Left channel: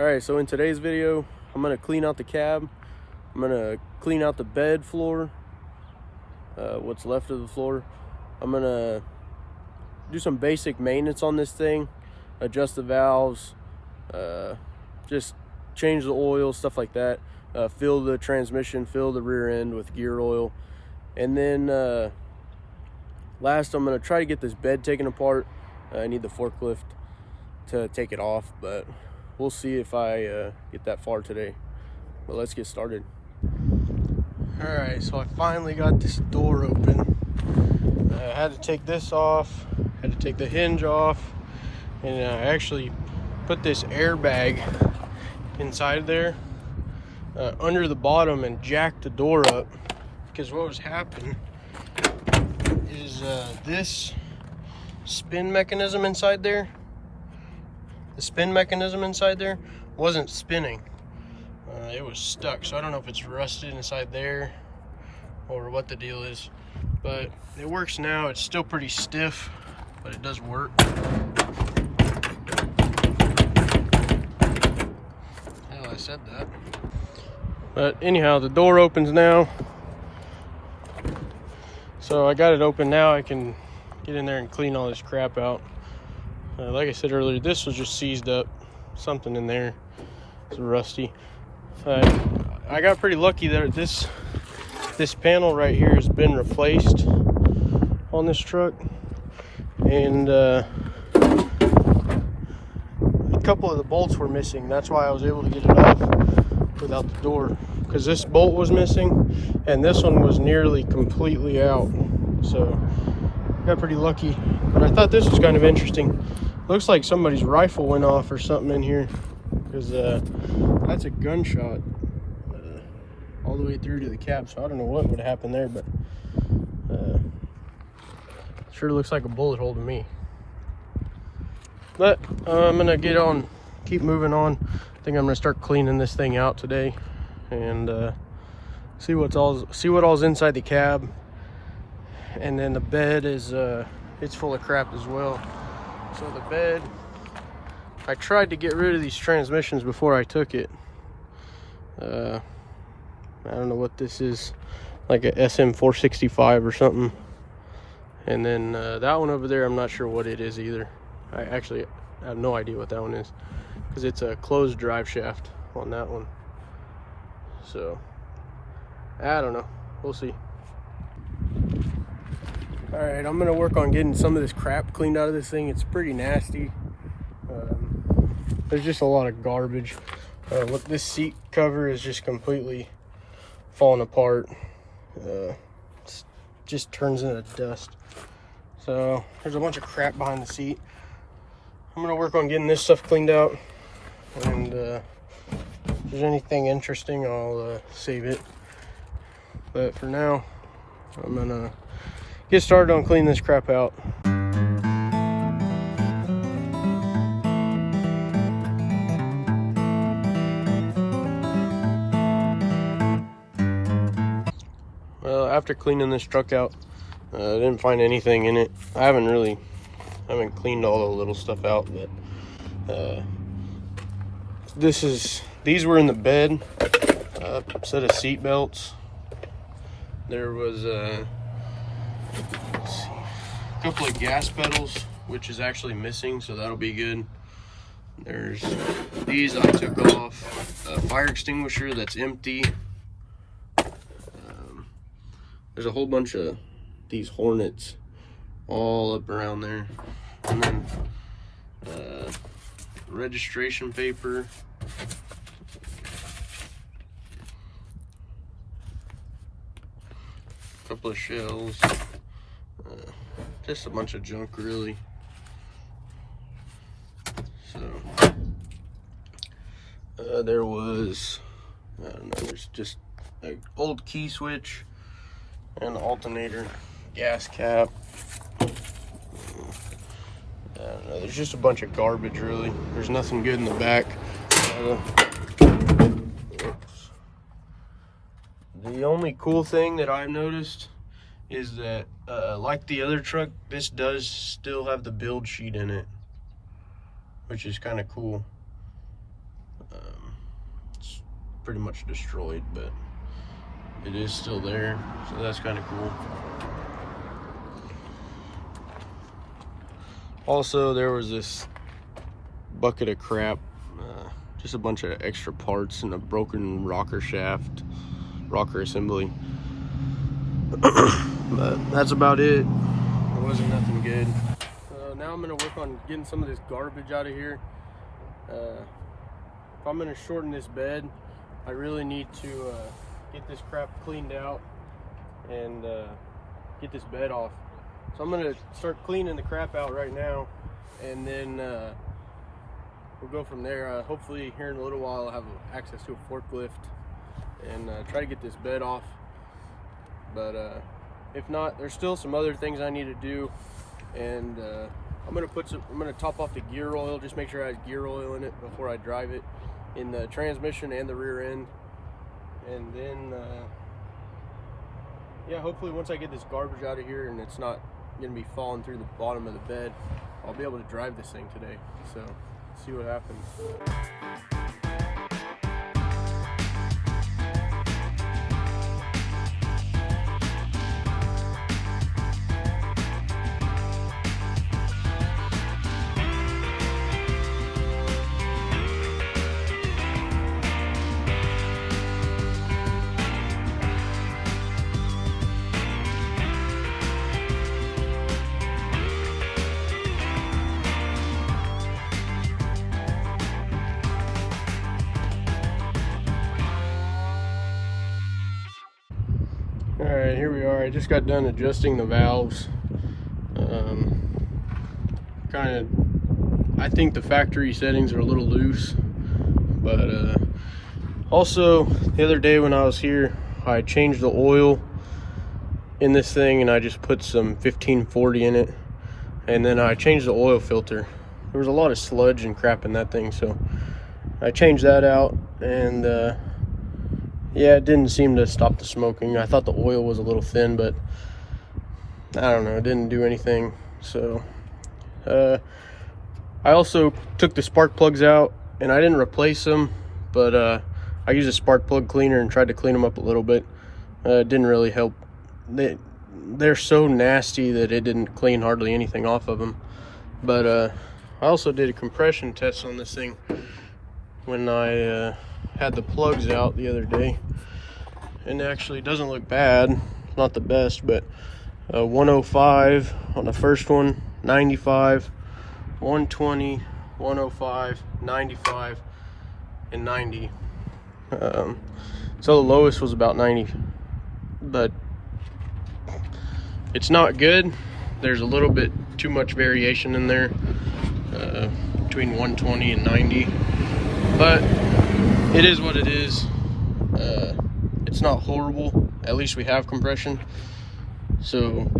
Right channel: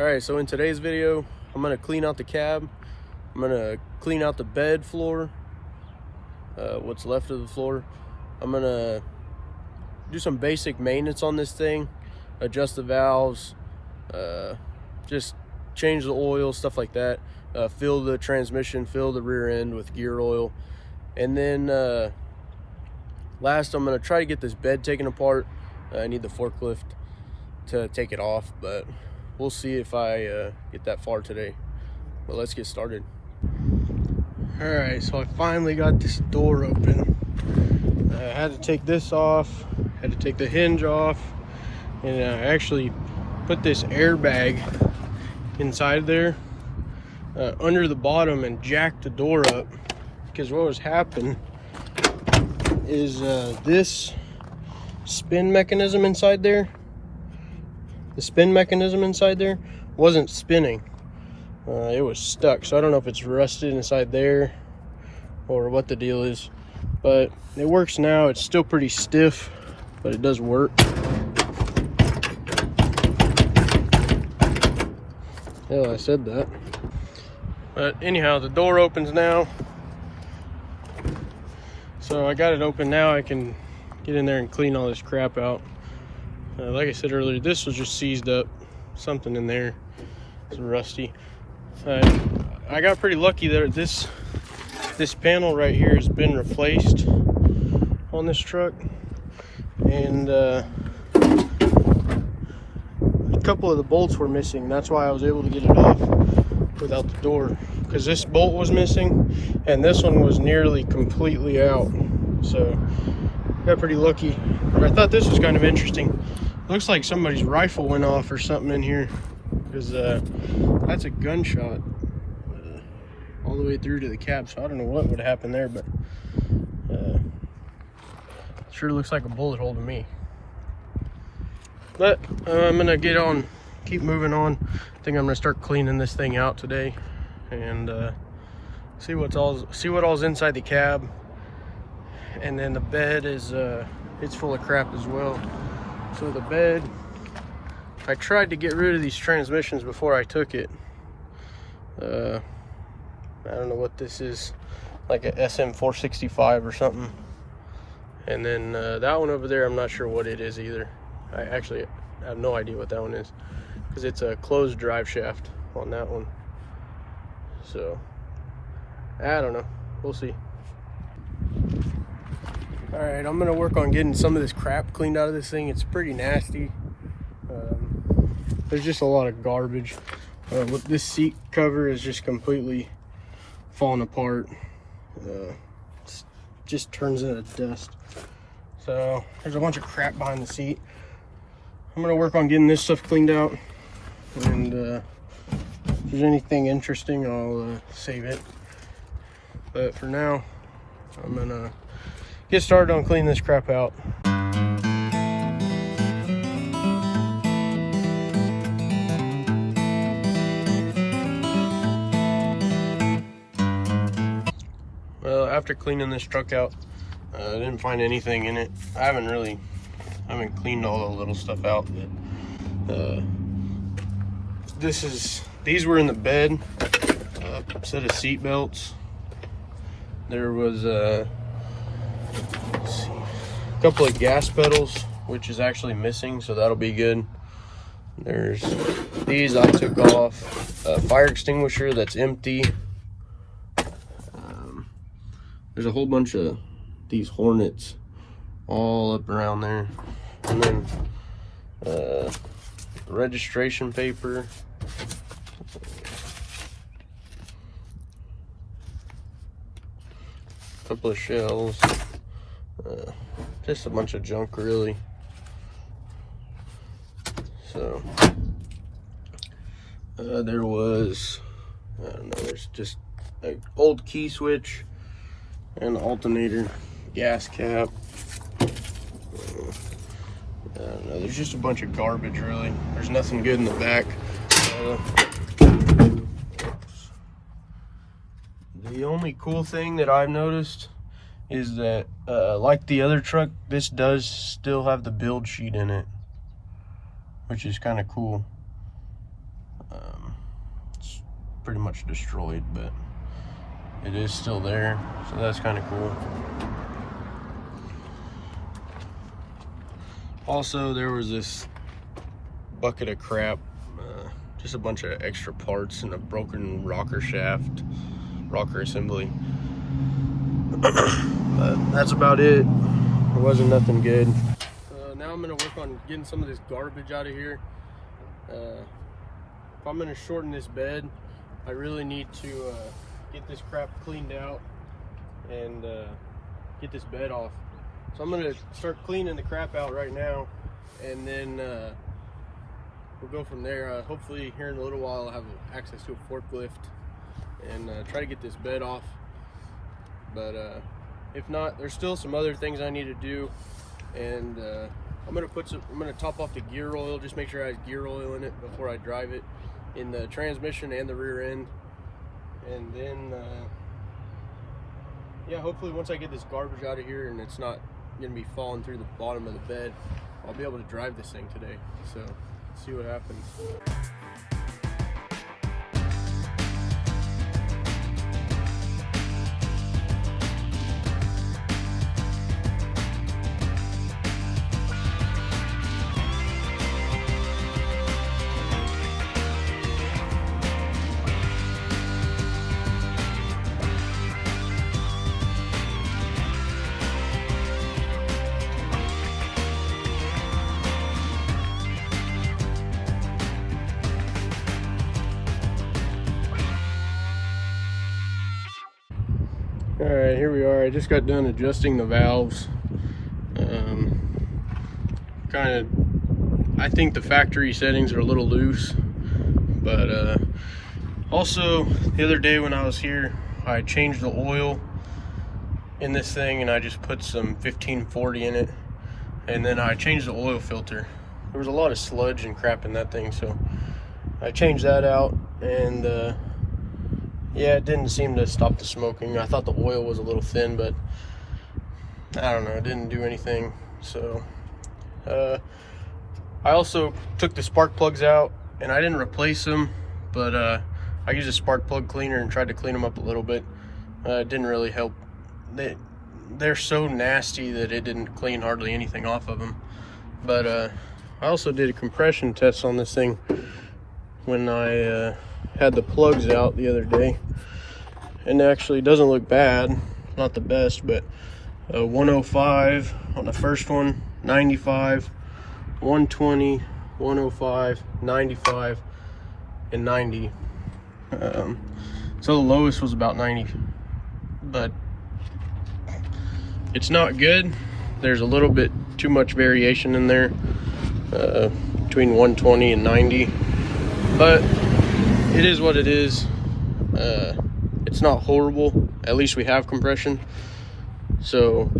All right, so in today's video, I'm gonna clean out the cab. I'm gonna clean out the bed floor, what's left of the floor. I'm gonna do some basic maintenance on this thing, adjust the valves, just change the oil, stuff like that. Fill the transmission, fill the rear end with gear oil. And then last, I'm gonna try to get this bed taken apart. I need the forklift to take it off, but we'll see if I get that far today. But let's get started. All right, so I finally got this door open. I had to take this off, had to take the hinge off, and I actually put this airbag inside there under the bottom and jacked the door up, because what was happening is this spin mechanism inside there, the spin mechanism inside there wasn't spinning. It was stuck, so I don't know if it's rusted inside there or what the deal is, but it works now. It's still pretty stiff, but it does work. Hell, I said that. But anyhow, the door opens now, so I got it open now. I can get in there and clean all this crap out. Like I said earlier, this was just seized up, something in there is rusty. I got pretty lucky there. This panel right here has been replaced on this truck, and a couple of the bolts were missing. That's why I was able to get it off without the door, because this bolt was missing and this one was nearly completely out. So got pretty lucky. But I thought this was kind of interesting. Looks like somebody's rifle went off or something in here, because that's a gunshot all the way through to the cab. So I don't know what would happen there, but sure looks like a bullet hole to me. But I'm gonna keep moving on. I think I'm gonna start cleaning this thing out today, and see what all's inside the cab. And then the bed is it's full of crap as well. So the bed, I tried to get rid of these transmissions before I took it. I don't know what this is, like a SM465 or something. And then that one over there, I'm not sure what it is either. I actually have no idea what that one is, because it's a closed drive shaft on that one. So I don't know, we'll see. All right, I'm gonna work on getting some of this crap cleaned out of this thing. It's pretty nasty. There's just a lot of garbage. What this seat cover is just completely falling apart. Just turns into dust. So there's a bunch of crap behind the seat. I'm gonna work on getting this stuff cleaned out, and if there's anything interesting, I'll save it. But for now, I'm gonna get started on cleaning this crap out. Well, after cleaning this truck out, I didn't find anything in it. I haven't cleaned all the little stuff out, but these were in the bed. Set of seat belts. There was let's see, a couple of gas pedals, which is actually missing, so that'll be good. There's these I took off. A fire extinguisher that's empty. There's a whole bunch of these Hornets all up around there, and then registration paper, a couple of shells, just a bunch of junk really. So there was, I don't know, there's just an old key switch and the alternator, gas cap. I don't know, there's just a bunch of garbage really. There's nothing good in the back. The only cool thing that I've noticed is that like the other truck, this does still have the build sheet in it, which is kind of cool. It's pretty much destroyed, but it is still there, so that's kind of cool. Also, there was this bucket of crap, just a bunch of extra parts and a broken rocker shaft, rocker assembly. But that's about it. There wasn't nothing good. So now I'm gonna work on getting some of this garbage out of here. If I'm gonna shorten this bed, I really need to get this crap cleaned out and get this bed off. So I'm gonna start cleaning the crap out right now, and then we'll go from there. Hopefully here in a little while I'll have access to a forklift and try to get this bed off. But if not, there's still some other things I need to do, and I'm gonna top off the gear oil, just make sure I have gear oil in it before I drive it, in the transmission and the rear end. And then yeah, hopefully once I get this garbage out of here and it's not gonna be falling through the bottom of the bed, I'll be able to drive this thing today. So see what happens. All right, here we are. I just got done adjusting the valves. I think the factory settings are a little loose, but also the other day when I was here, I changed the oil in this thing and I just put some 1540 in it, and then I changed the oil filter. There was a lot of sludge and crap in that thing, so I changed that out, and yeah, it didn't seem to stop the smoking. I thought the oil was a little thin, but I don't know, it didn't do anything. So I also took the spark plugs out, and I didn't replace them, but I used a spark plug cleaner and tried to clean them up a little bit. It didn't really help. They're so nasty that it didn't clean hardly anything off of them. But I also did a compression test on this thing when I had the plugs out the other day, and actually it doesn't look bad. It's not the best, but 105 on the first one, 95, 120, 105, 95, and 90. So the lowest was about 90, but it's not good. There's a little bit too much variation in there, between 120 and 90, but it is what it is. It's not horrible. At least we have compression. So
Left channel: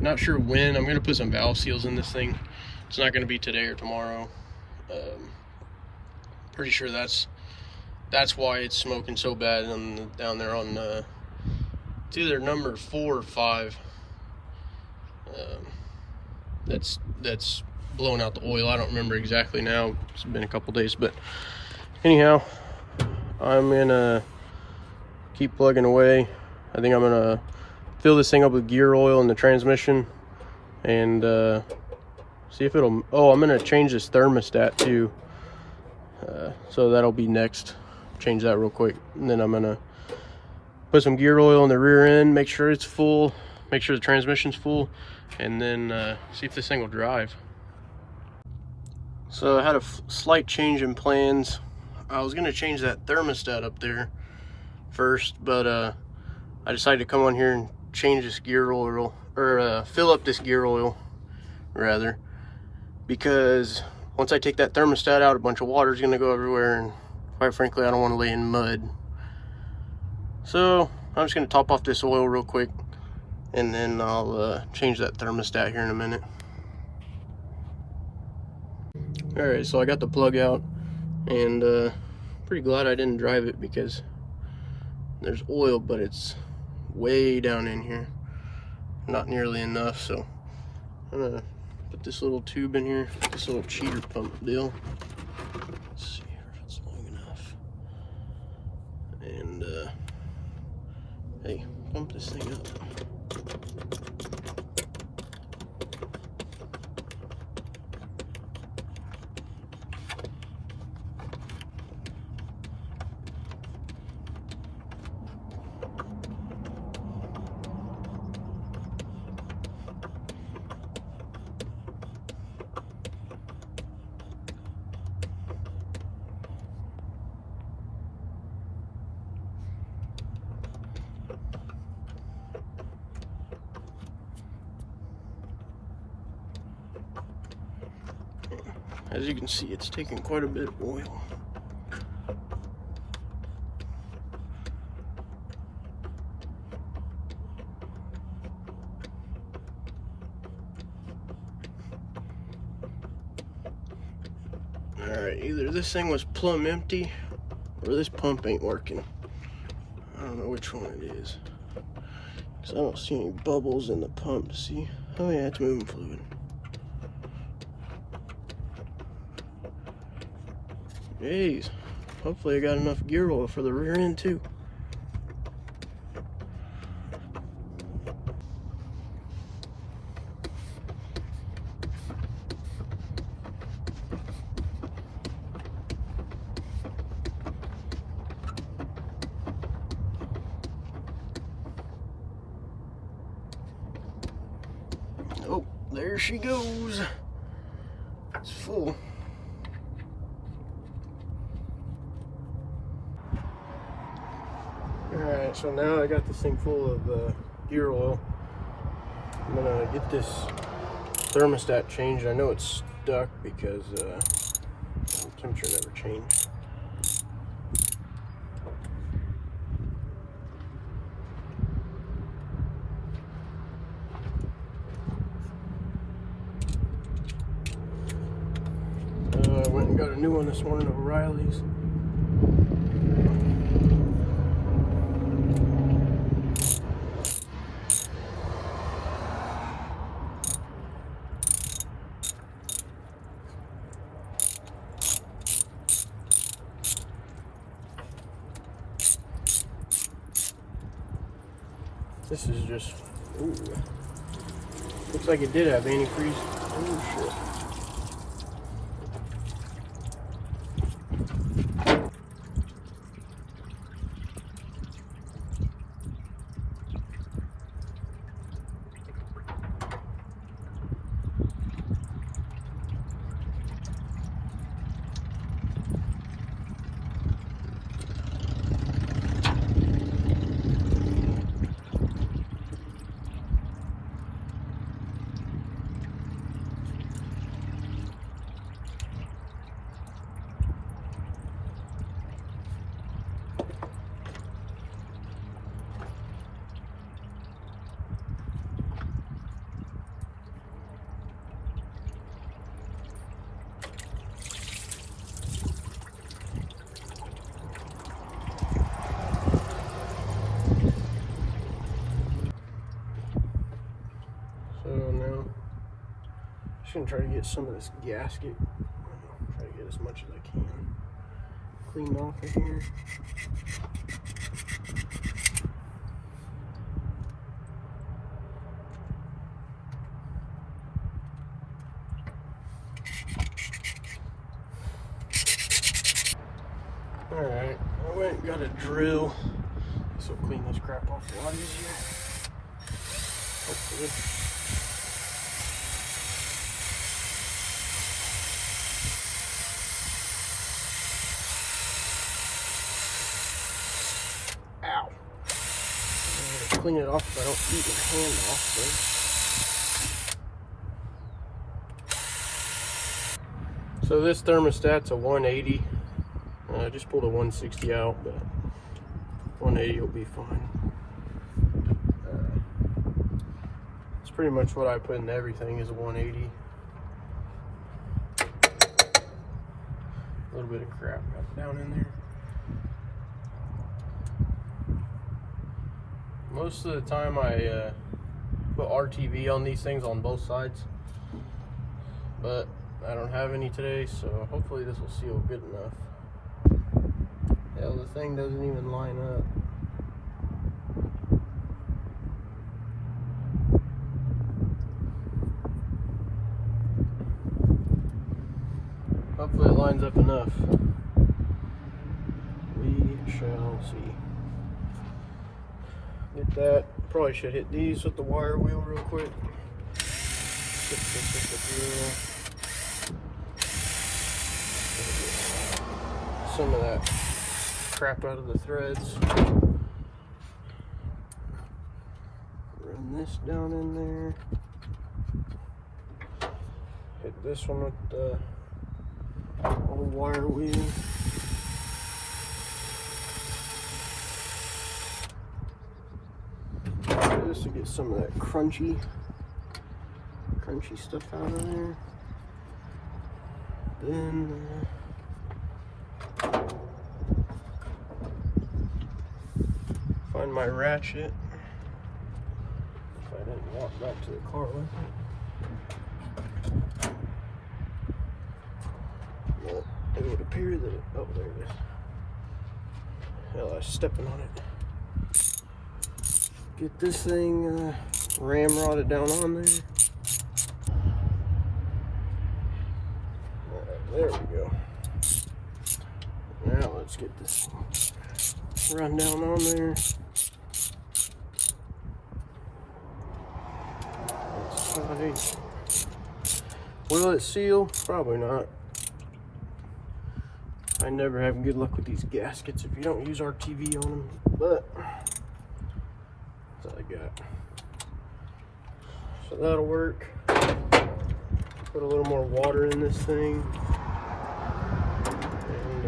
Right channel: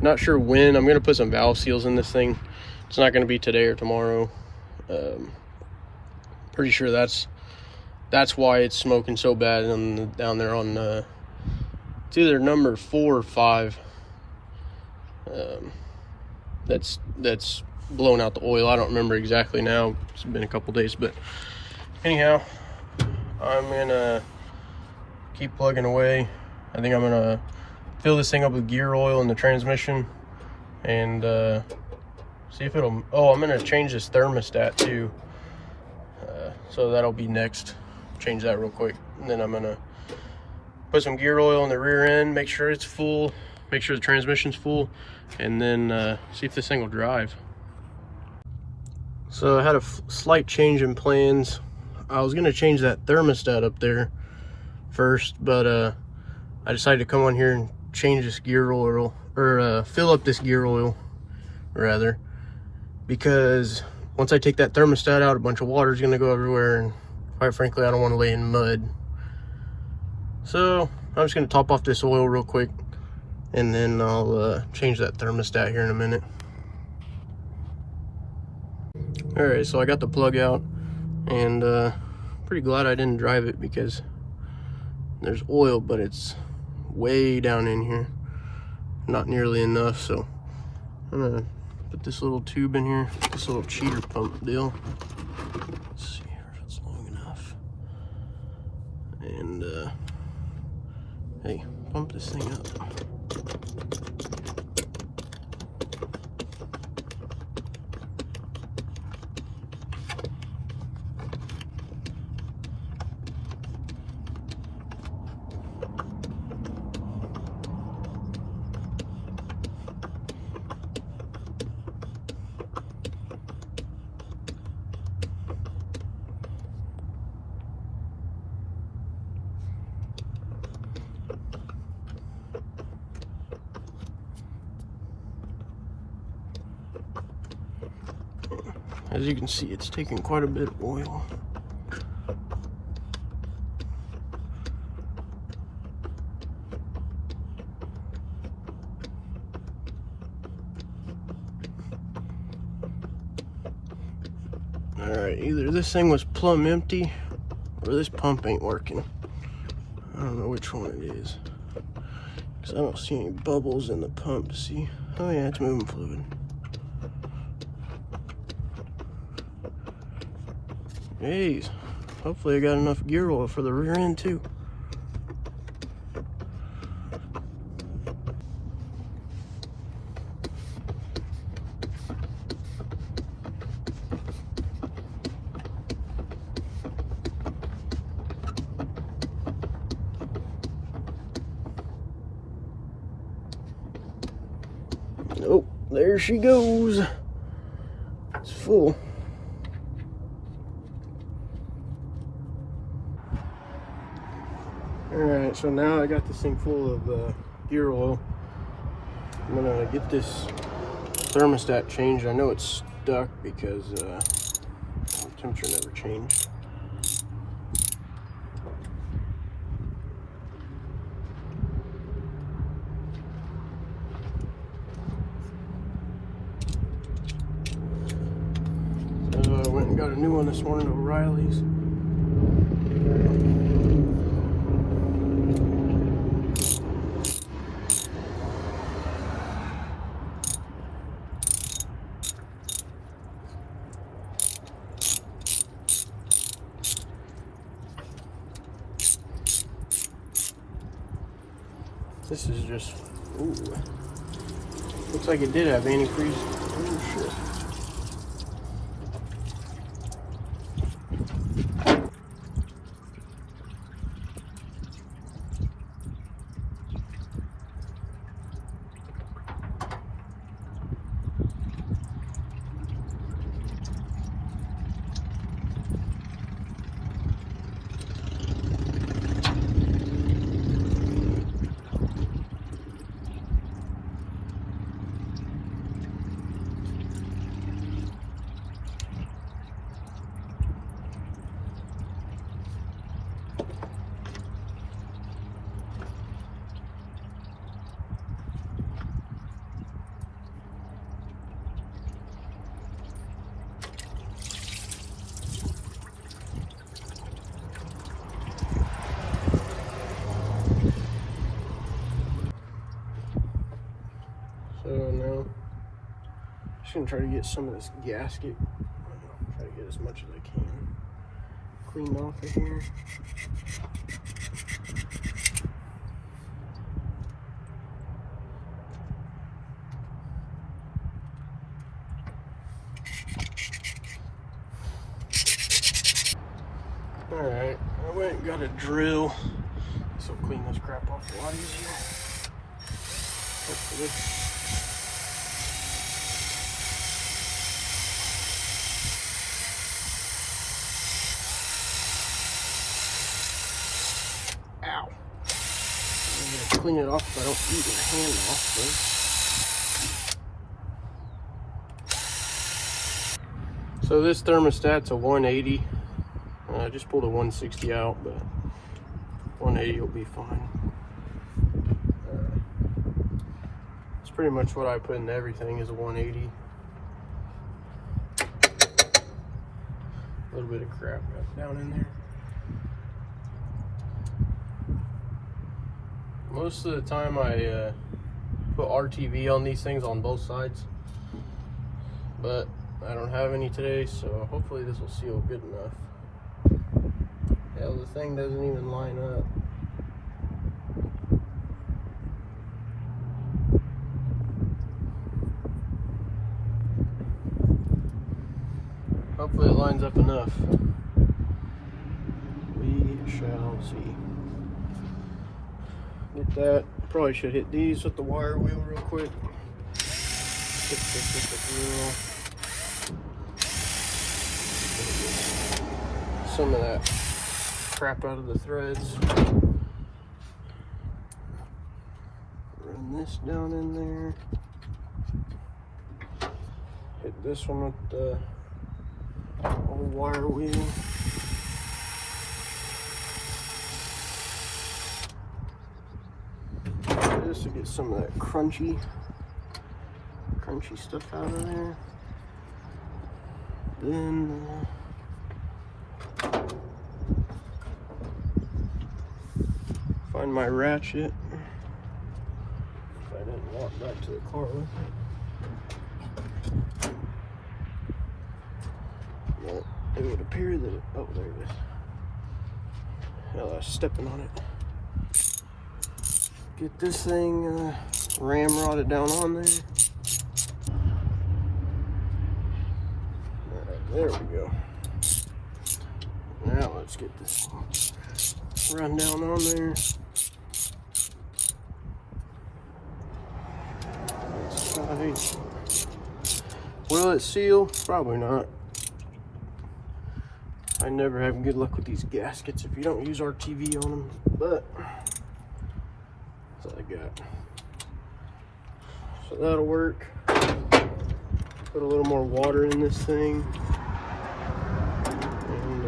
not sure when. I'm gonna put some valve seals in this thing. It's not gonna be today or tomorrow. Pretty sure that's why it's smoking so bad down there on it's either number 4 or 5. That's blown out the oil. I don't remember exactly now. It's been a couple days, but anyhow, I'm gonna keep plugging away. I think I'm gonna fill this thing up with gear oil in the transmission and see if it'll. Oh, I'm gonna change this thermostat too, so that'll be next. Change that real quick, and then I'm gonna put some gear oil in the rear end, make sure it's full, make sure the transmission's full, and then see if this thing will drive. So I had a slight change in plans. I was gonna change that thermostat up there first, but I decided to come on here and change this gear oil, or fill up this gear oil rather, because once I take that thermostat out, a bunch of water is gonna go everywhere, and quite frankly, I don't want to lay in mud. So I'm just gonna top off this oil real quick, and then I'll change that thermostat here in a minute. All right, so I got the plug out, and pretty glad I didn't drive it because there's oil, but it's way down in here, not nearly enough. So I'm gonna put this little tube in here, this little cheater pump deal. Let's see if it's long enough. And hey, pump this thing up. As you can see, it's taking quite a bit of oil. Alright, either this thing was plumb empty or this pump ain't working. I don't know which one it is. Because I don't see any bubbles in the pump. See? Oh yeah, it's moving fluid. Hey, hopefully I got enough gear oil for the rear end too. Oh, there she goes. It's full. Alright, so now I got this thing full of gear oil. I'm gonna get this thermostat changed. I know it's stuck because the temperature never changed. I went and got a new one this morning at O'Reilly's. This is just, ooh, looks like it did have antifreeze. Oh shit. So now, I'm just gonna try to get some of this gasket. Try to get as much as I can cleaned off of here. Alright, I went and got a drill. This will clean this crap off a lot easier. Hopefully. Ow. I'm gonna clean it off so I don't beat my hand off. So this thermostat's a 180. I just pulled a 160 out, but 180 will be fine. It's pretty much what I put in everything is a 180. A little bit of crap got down in there. Most of the time I put RTV on these things on both sides, but I don't have any today, so hopefully this will seal good enough. Hell, the thing doesn't even line up. Hopefully it lines up enough. We shall see. Get that. Probably should hit these with the wire wheel real quick. Stick this with the drill. Some of that crap out of the threads. Run this down in there. Hit this one with the old wire wheel. This to get some of that crunchy stuff out of there. Then find my ratchet. If I didn't walk back to the car with it. It would appear that, oh, there it is. Stepping on it. Get this thing ramrodded down on there. There we go. Now let's get this run down on there. Let's try. Will it seal? Probably not. I never have good luck with these gaskets if you don't use RTV on them, but that's all I got. So that'll work. Put a little more water in this thing. And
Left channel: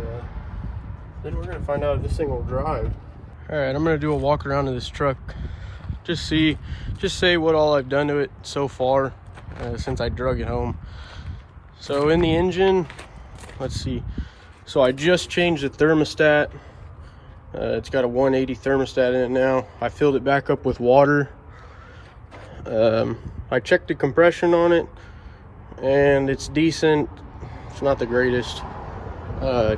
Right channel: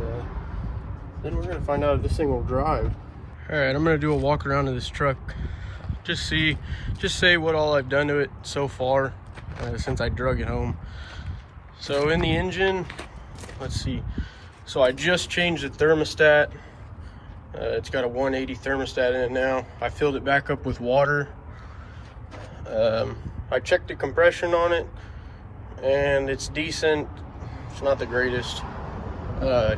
then we're gonna find out if this thing will drive. All right, I'm gonna do a walk around of this truck. Just say what all I've done to it so far since I drug it home. So in the engine, let's see. So I just changed the thermostat. It's got a 180 thermostat in it now. I filled it back up with water. I checked the compression on it and it's decent. It's not the greatest. I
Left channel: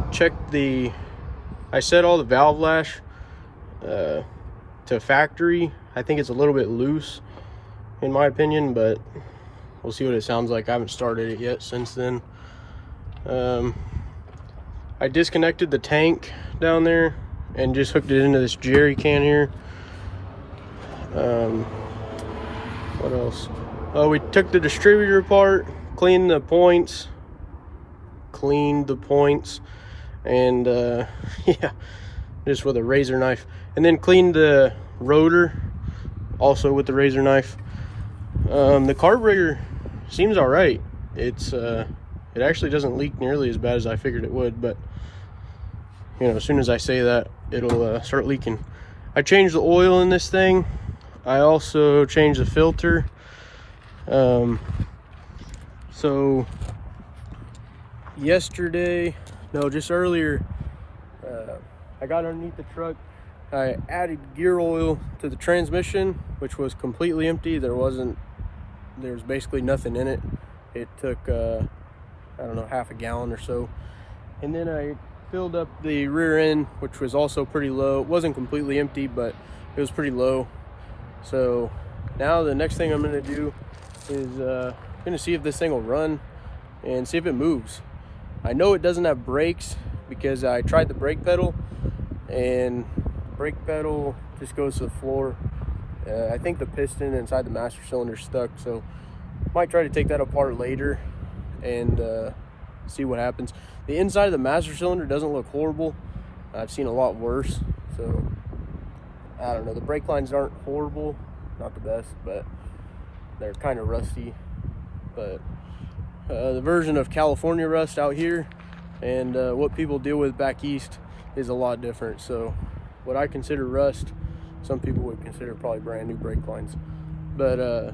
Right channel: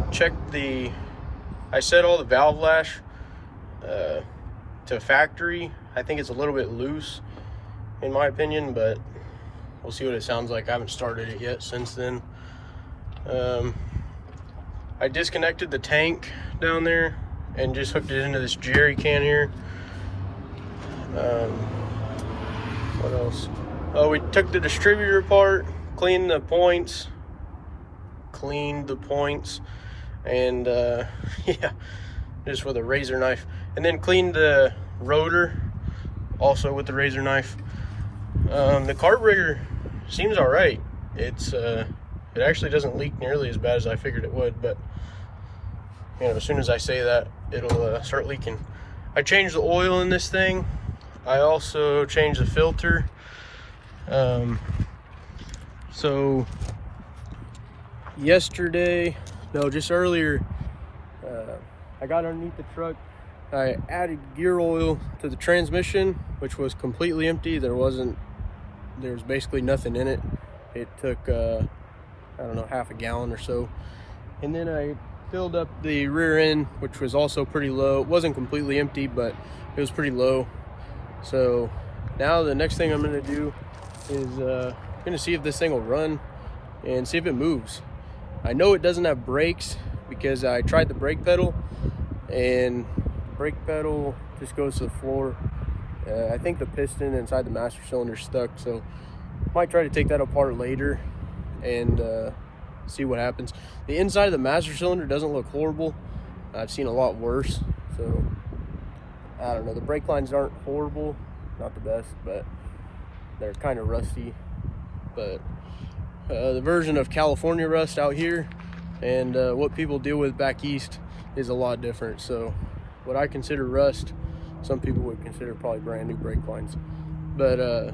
set all the valve lash to factory. I think it's a little bit loose in my opinion, but we'll see what it sounds like. I haven't started it yet since then. I disconnected the tank down there and just hooked it into this jerry can here. What else? Oh, we took the distributor apart, cleaned the points, and yeah, just with a razor knife, and then cleaned the rotor also with the razor knife. The carburetor seems all right. It actually doesn't leak nearly as bad as I figured it would, but you know, as soon as I say that, it'll start leaking. I changed the oil in this thing. I also changed the filter. So just earlier, I got underneath the truck. I added gear oil to the transmission, which was completely empty. There was basically nothing in it. It took I don't know, half a gallon or so. And then I filled up the rear end, which was also pretty low. It wasn't completely empty, but it was pretty low. So now the next thing I'm gonna do is gonna see if this thing will run and see if it moves. I know it doesn't have brakes because I tried the brake pedal and the brake pedal just goes to the floor. I think the piston inside the master cylinder is stuck, so might try to take that apart later and see what happens. The inside of the master cylinder doesn't look horrible. I've seen a lot worse, so I don't know. The brake lines aren't horrible, not the best, but they're kind of rusty. But the version of California rust out here and what people deal with back east is a lot different. So what I consider rust, some people would consider probably brand new brake lines. But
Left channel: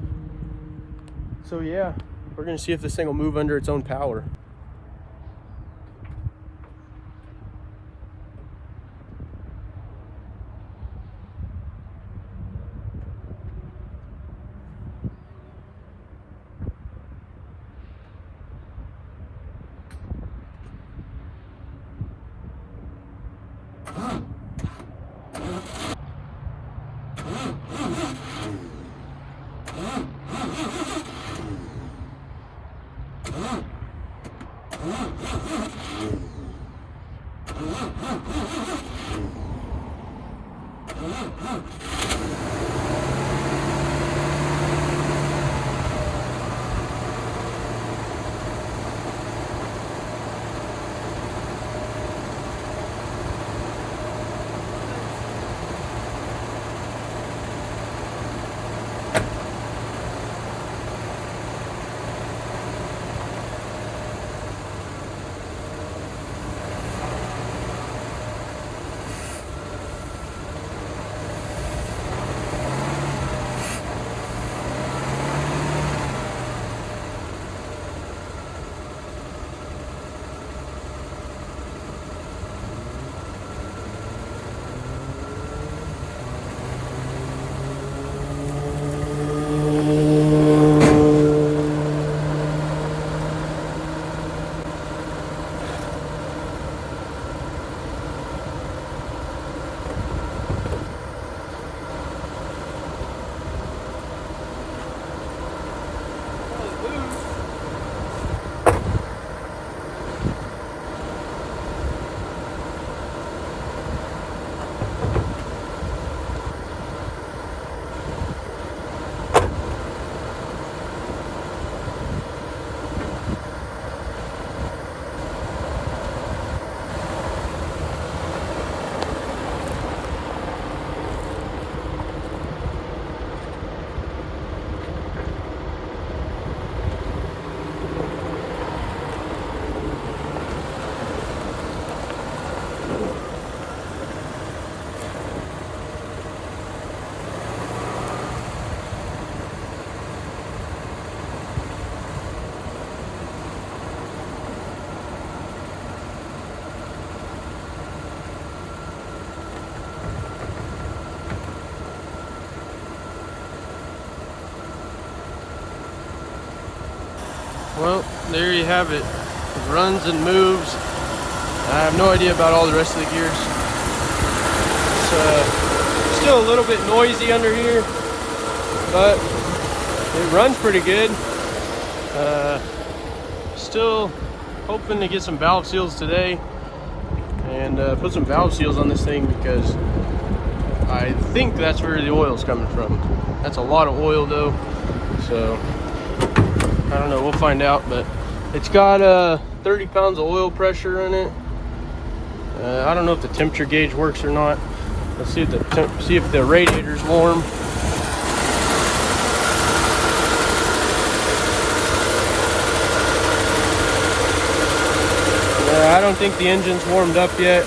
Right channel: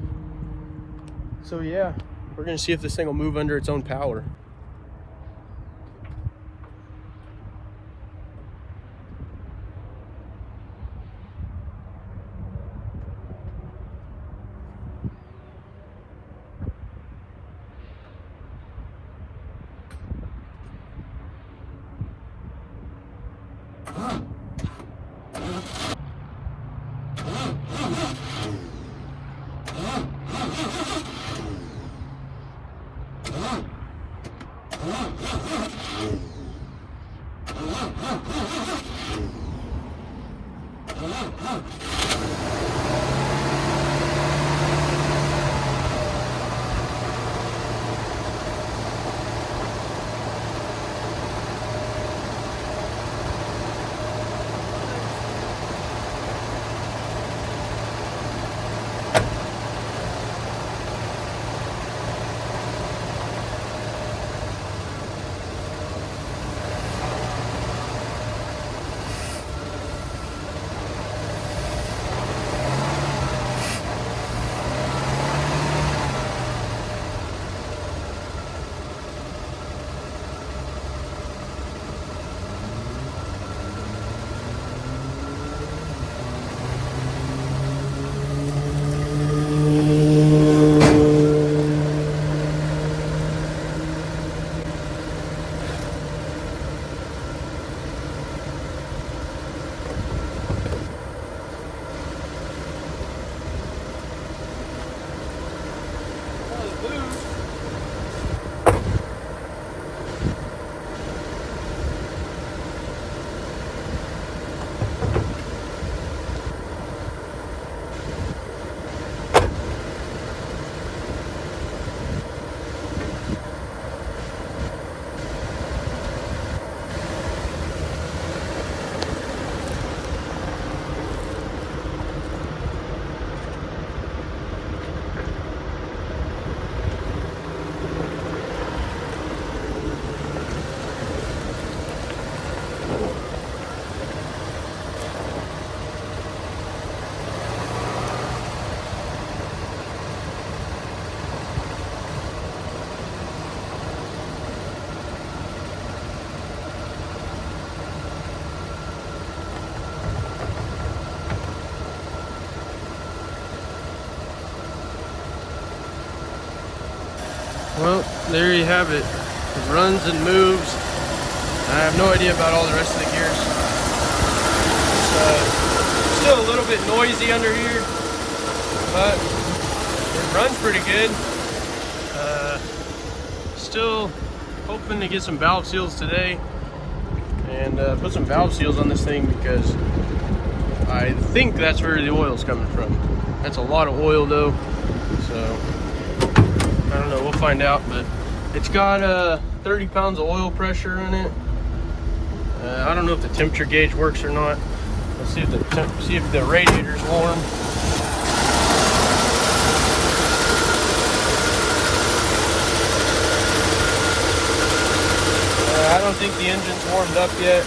so yeah, we're gonna see if this thing will move under its own power. Well, there you have it. It runs and moves. I have no idea about all the rest of the gears. It's still a little bit noisy under here, but it runs pretty good. Still hoping to get some valve seals today and put some valve seals on this thing, because I think that's where the oil's coming from. That's a lot of oil though, so I don't know, we'll find out. But it's got 30 pounds of oil pressure in it. I don't know if the temperature gauge works or not. Let's see if the radiator's warm. I don't think the engine's warmed up yet.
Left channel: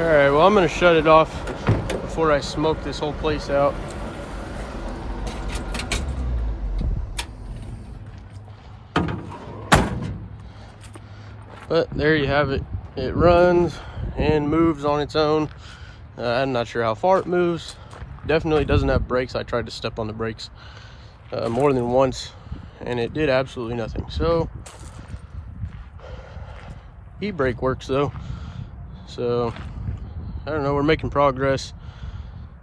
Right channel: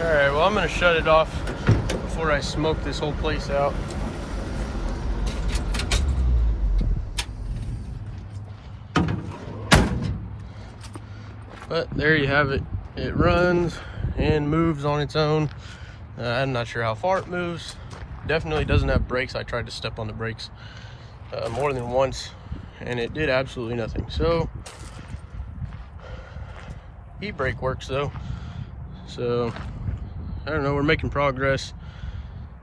Alright, well, I'm going to shut it off before I smoke this whole place out. But there you have it. It runs and moves on its own. I'm not sure how far it moves. Definitely doesn't have brakes. I tried to step on the brakes more than once, and it did absolutely nothing. So, e-brake works though. So, I don't know, we're making progress.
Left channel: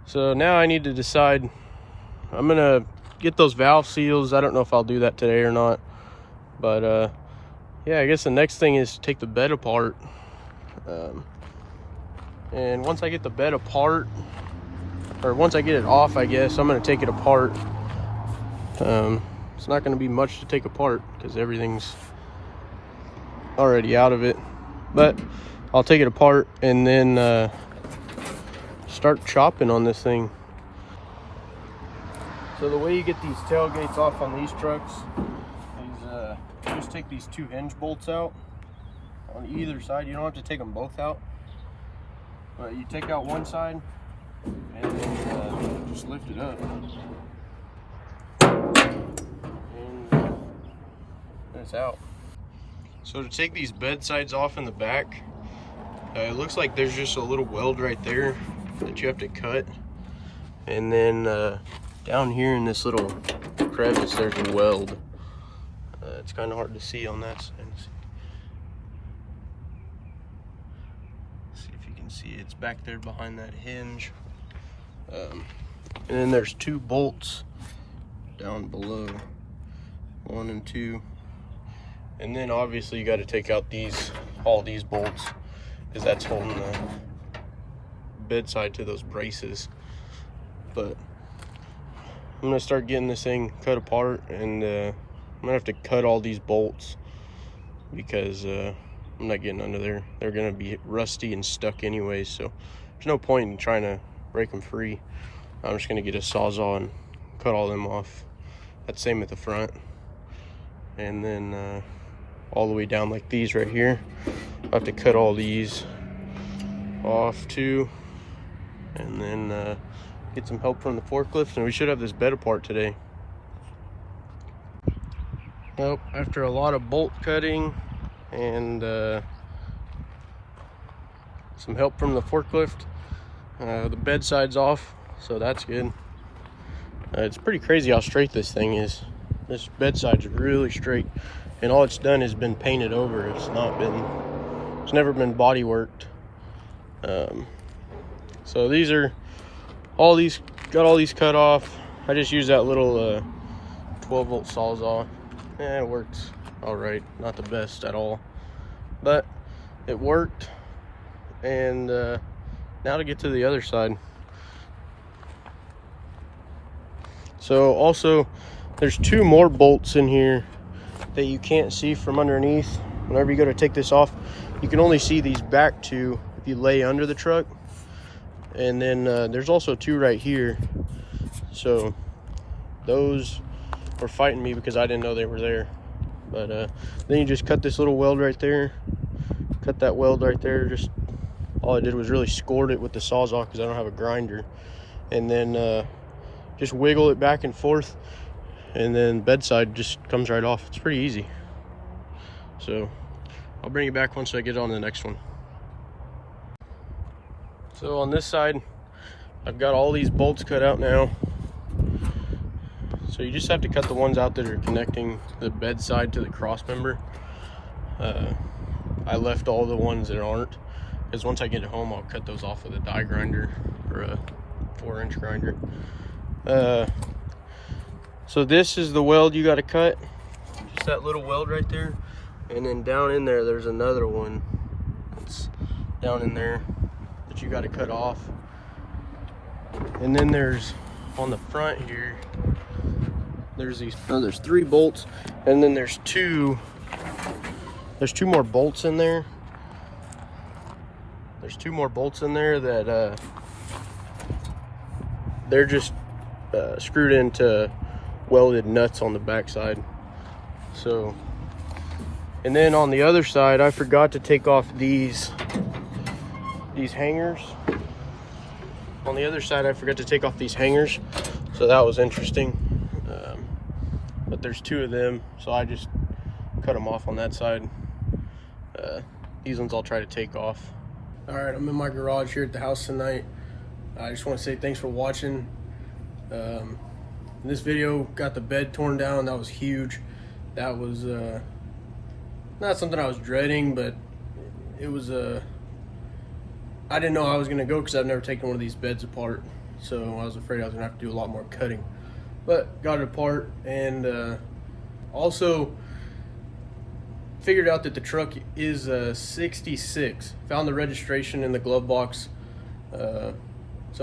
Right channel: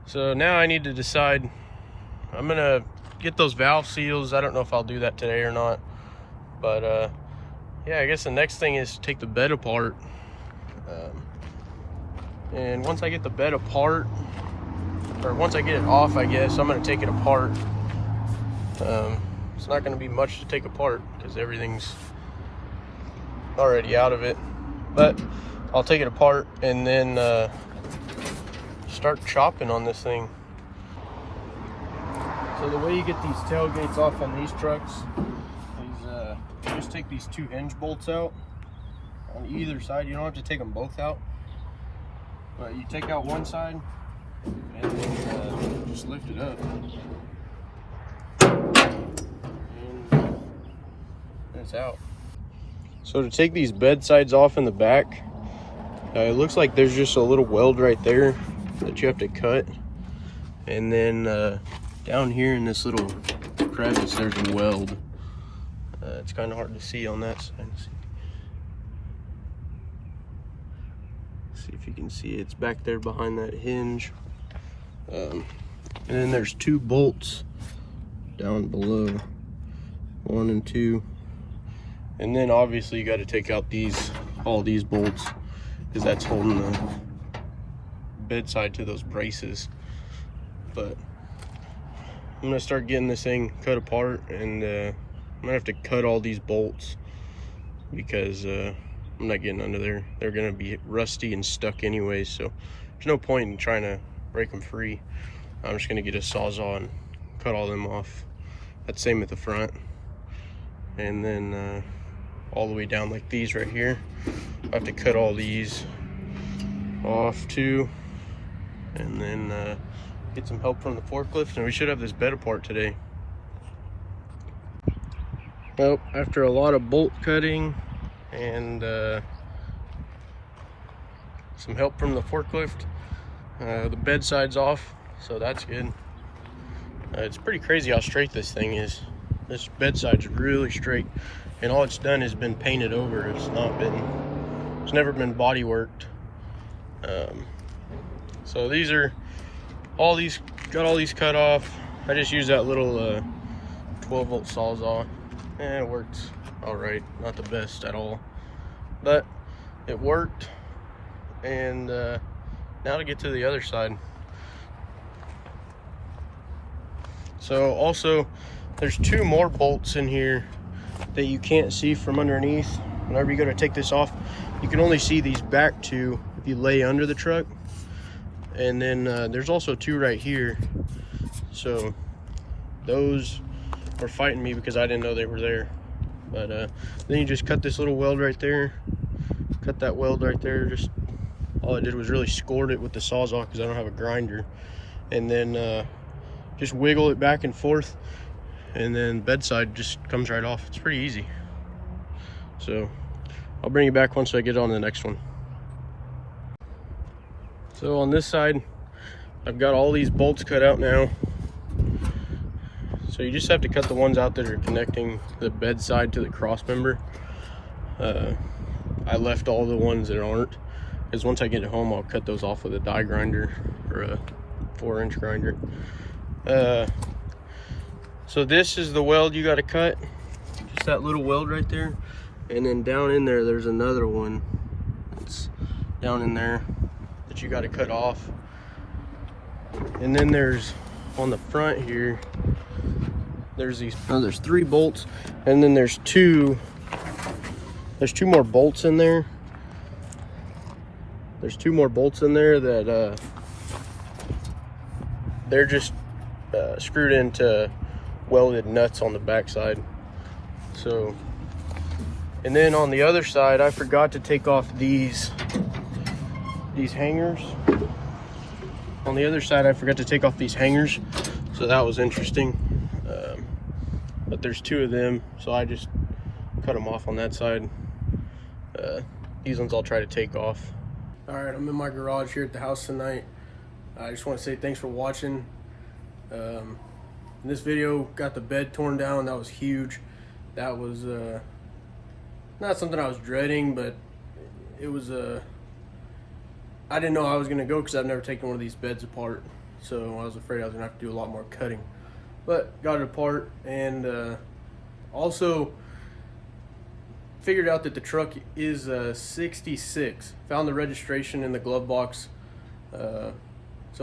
So now I need to decide. I'm gonna get those valve seals. I don't know if I'll do that today or not, but yeah, I guess the next thing is to take the bed apart. And once I get the bed apart, or once I get it off, I guess I'm gonna take it apart. It's not gonna be much to take apart because everything's already out of it, but I'll take it apart and then start chopping on this thing. So the way you get these tailgates off on these trucks is just take these two hinge bolts out on either side. You don't have to take them both out, but you take out one side and then just lift it up, and it's out. So to take these bed sides off in the back, it looks like there's just a little weld right there. that you have to cut. And then down here in this little crevice, there's a weld. It's kind of hard to see on that side. See if you can see it. It's back there behind that hinge. And then there's 2 bolts down below, 1 and 2. And then obviously you got to take out all these bolts, because that's holding the bedside to those braces. But I'm gonna start getting this thing cut apart, and I'm gonna have to cut all these bolts because I'm not getting under there. They're gonna be rusty and stuck anyway, so there's no point in trying to break them free. I'm just gonna get a Sawzall and cut all them off. That's same at the front. And then all the way down like these right here. I have to cut all these off too. And then get some help from the forklift, and we should have this bed apart today. Well, after a lot of bolt cutting and some help from the forklift, the bed side's off, so that's good. It's pretty crazy how straight this thing is. This bed side's really straight, and all it's done is been painted over. It's never been body worked. So these are got all these cut off. I just used that little 12-volt Sawzall. It works all right. Not the best at all, but it worked. And now to get to the other side. So also, there's 2 more bolts in here that you can't see from underneath. Whenever you go to take this off, you can only see these back 2 if you lay under the truck. And then there's also 2 right here. So those were fighting me because I didn't know they were there. But then you just cut this little weld right there. Cut that weld right there. Just all I did was really scored it with the Sawzall because I don't have a grinder. And then just wiggle it back and forth. And then bedside just comes right off. It's pretty easy. So I'll bring you back once I get on the next one. So on this side, I've got all these bolts cut out now. So you just have to cut the ones out that are connecting the bedside to the cross member. I left all the ones that aren't, because once I get home, I'll cut those off with a die grinder or a 4-inch grinder. So this is the weld you got to cut. Just that little weld right there. And then down in there, there's another one. It's down in there that you got to cut off. And then there's on the front here, there's 3 bolts, and then there's 2 more bolts in there. There's 2 more bolts in there that they're just screwed into welded nuts on the back side. So, and then on the other side, I forgot to take off these hangers. On the other side, I forgot to take off these hangers, so that was interesting. But there's 2 of them, so I just cut them off on that side. These ones I'll try to take off. All right, I'm in my garage here at the house tonight. I just want to say thanks for watching. This video got the bed torn down. That was huge. That was not something I was dreading, but it was I didn't know how I was gonna go because I've never taken one of these beds apart, so I was afraid I was gonna have to do a lot more cutting. But got it apart, and also figured out that the truck is 66. Found the registration in the glove box. So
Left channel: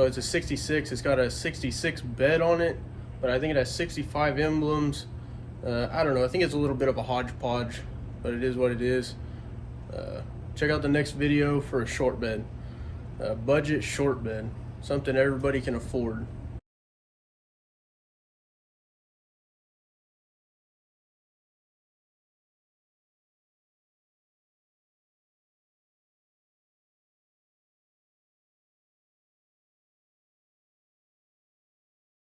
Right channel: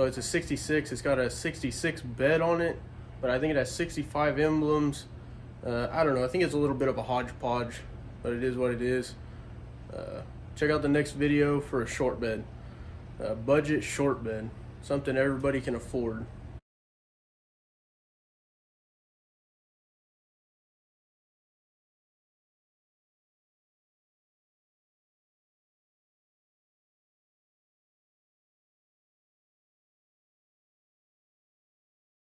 it's a 66. It's got a 66 bed on it, but I think it has 65 emblems. I don't know. I think it's a little bit of a hodgepodge, but it is what it is. Check out the next video for a short bed. Budget short bed. Something everybody can afford.